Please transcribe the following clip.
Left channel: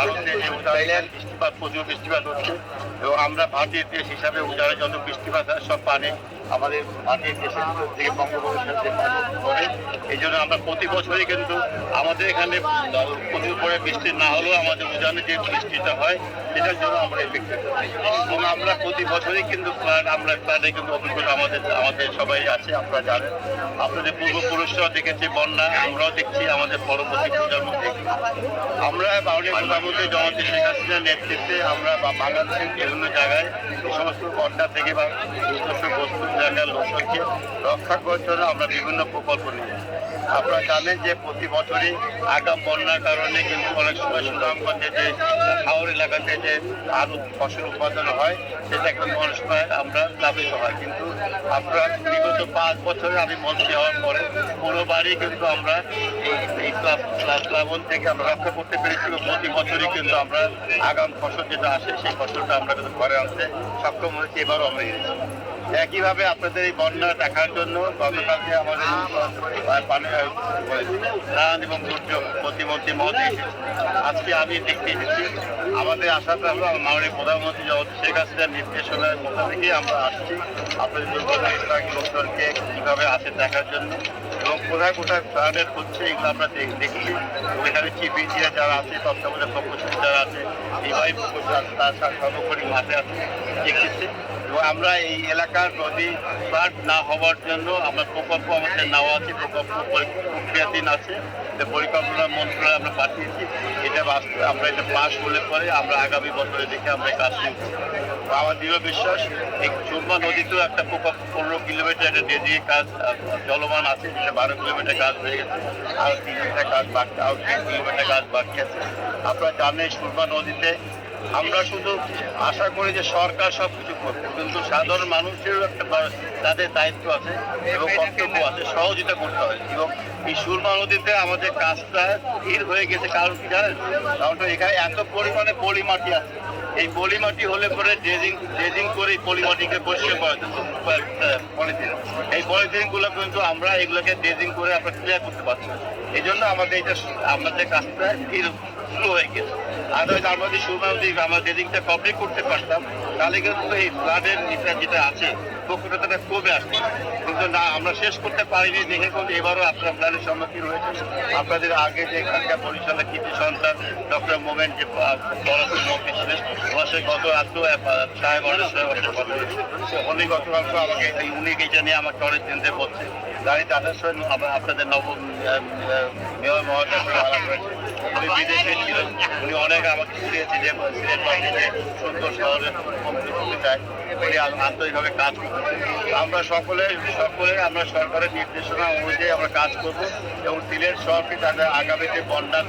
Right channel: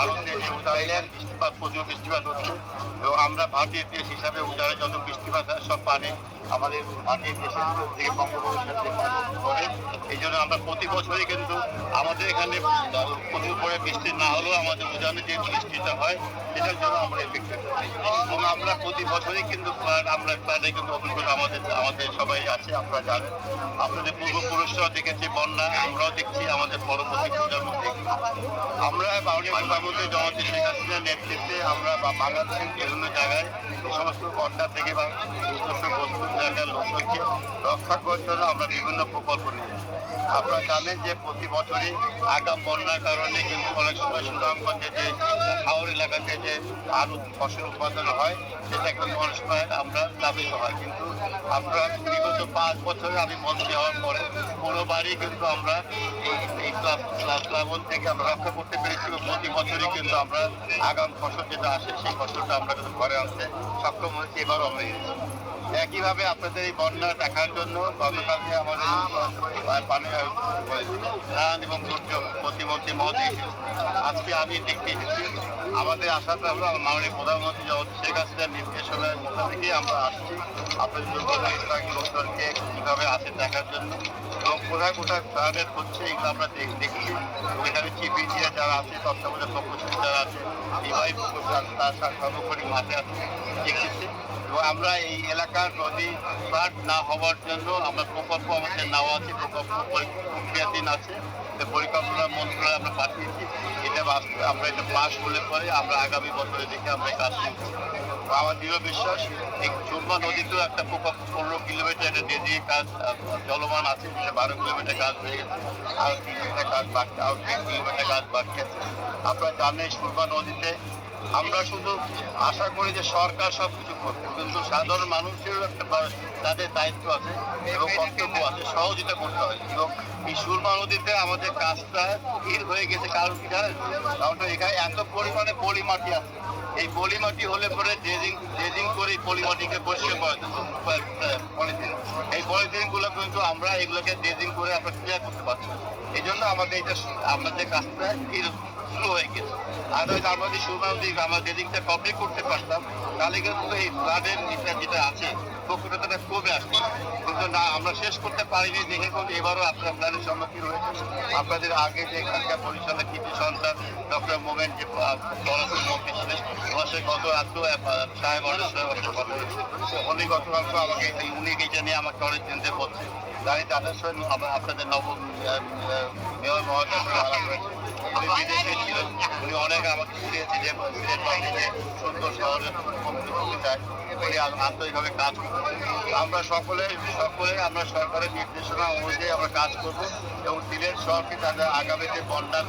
ভারতে যে উদাহরণ বৃষ্টিপাত, প্রচুর বৃষ্টিপাত হচ্ছে। এবং আমরা ভারতীয় দেশ হিসাবে উদাহরণে যত বৃষ্টিপাত সব পানি আমাদের ভারতীয় দেশের থেকে পানি এই জন্য আমরা প্রতি বছরই কিন্তু আমাদের এখানে প্রচুর পরে বৃষ্টি না হলেও আমাদের উদাহরণে যে বৃষ্টিটা হয় সেটার জন্য আমরা এফেক্টেড এবং আমরা প্রতি বছরই কিন্তু flood, আমরা ফ্লাডে কিন্তু অভিজ্ঞতা আমাদের আমাদের সবাই আছে আপনারা জানেন। আপনাদের পূর্বপুরুষরাও দেখেছে বন্যা আমরাও দেখছি আমাদের পরবর্তী প্রজন্ম দেখছি। আমরা বাউনের প্রধানমন্ত্রী জগতে শেখ হাসিনার নেতৃত্বে আমরা বাংলাদেশের বিভিন্ন জায়গায় সমস্ত বন্যা থেকে বা সমস্ত বস্তু লোকজনকে রক্ষা করার জন্য আমরা বিভিন্ন প্রকল্প নিয়ে আপনারা জানেন যে প্রতি বছরই আগাম বন্যার কারণে কিন্তু অনেক সময় সুনামগঞ্জে যে হাওর এলাকাতে যে আলু ফসল উৎপাদন হয়, সেটা কিন্তু অনেক সময় আমরা লাভিত হয় কিন্তু আমরা বিগত পাঁচ বছরে আমি মন্ত্রী হওয়ার পরে পুরোবারই কিন্তু আমরা এই- এই প্লা- প্লা- প্লাবন থেকে আমরা রক্ষা করতে পেরেছি প্রতি বছরই কিন্তু আমরা আগাম ফসল যেটা আসে, সেই ফসলটা আমরা কিন্তু ঘরে আনতে সক্ষম হয়েছি, এবারও আমরা। একইভাবে আপনাদের এই বন্যা দেখার জন্য গতকালকে আমাদের ত্রাণ এবং দুর্যোগ প্রতিমন্ত্রী মহোদয় আজকে আমি দেখতে এসেছি। আমাদের হলো আমার মাননীয় প্রধানমন্ত্রী শেখ হাসিনার নির্দেশনার মধ্যে থেকে আমরা আসছি, আপনাদের লোকজনকে কীভাবে আছে দেখার জন্য এবং কোথায় কোথায় ফ্লাডের হচ্ছে এগুলো আমরা দেখ- দেখছি ওইখানে চিফ ইঞ্জিনিয়ার যারা আছে, তত্ত্বাবধায়ক যারা আছে তার সর্বোপরি এবং আমরা এই এলাকার নদী ফ্লাড না হওয়ার জন্য আমরা প্রকল্প আমাদের নেওয়া আছে, প্রকল্প পরি- প্রক্রিয়াধীন আছে। পরিকল্পনা মন্ত্রণালয়ে আমরা পাঠিয়েছি, এটা আমরা এটা পাস করলে পরে আমরা আগামী বছরে দেখে আমরা কাজ তো আমার দৃঢ় বিশ্বাস, এই সুরমা নদীতেও একটা প্রকল্প পনেরো কিলোমিটার একটা দিয়ে কাজ চলমান আছে যেটা বারো কিলোমিটার কাজ হয়ে গেছে। আর তিন কিলোমিটার কাজ বাকি আর তিন কিলোমিটার কাজ বাকি আছে। আপনারা জানেন সুরমা নদীতে আমরা শুধু আশা করি যে সরকার সব কিছু করবে, কিন্তু সাধারণ মানুষেরও একটা তাদের দায়িত্ব আছে এবং কর্তব্য আছে, সহযোগিতা করতে হয় এবং এই সুরমা নদীতে আমাদের কাজটা স্থির হয়ে গেছে, কারণ কি জানেন? কারণ এখানে এত পরিমাণে পলি মাটি আছে। এই পলি মাটি হলে পরে ড্রেজিং ড্রেজিং করে এই পলি মাটিকে পরিষ্কার করা পলিথিন। এই পলিথিনগুলো কিন্তু আমরা এগুলোকে ড্রেজিং করে আমরা ক্লিয়ার করতে পারছি। এই জন্য আমাদের এটা, আমাদের কাজটা স্থির স্লো হয়ে গেছে। হয়তো আমরা যদি সুরমা নদী আমরা ড্রেজিংটা কমপ্লিট করতে পারতাম, তাহলে কিন্তু এই ফ্লাডের যেটা যেটা আছে, প্রকৃতটা কমে আসছে কিন্তু না, আমরা শেষ করতে পারিনি দেখে কিন্তু এবারও আপনারা প্ল্যানের সম্মুখীন হয়েছে। আপনাদের আগে যে এখানকার বরিশালের কৃষি সন্তান ডক্টর মোমেন যে মন্ত্রী ছিলেন, ওনার সাথে গত রাত্রেও সাহেব অনেক কথা উনি গতকালকে আমাকে উনি এটা নিয়ে আমাকে অনেক চিন্তা করছে তাই তাদের সঙ্গে আপনাদের আহ, মেয়র আলাপ উনি বিদেশে ছিলেন উনি অনেক আমাকে শিখিয়েছে যে বাহিনীতে সুন্দর শহরে উনি আন্তরিকভাবে কাজ করছেন আমরা সকলে সকলে আমরা সরকারের নির্দেশনা অনুযায়ী আমরা কাজ করব এবং সিলেট শহরকে তাদের আগামী যে বন্যা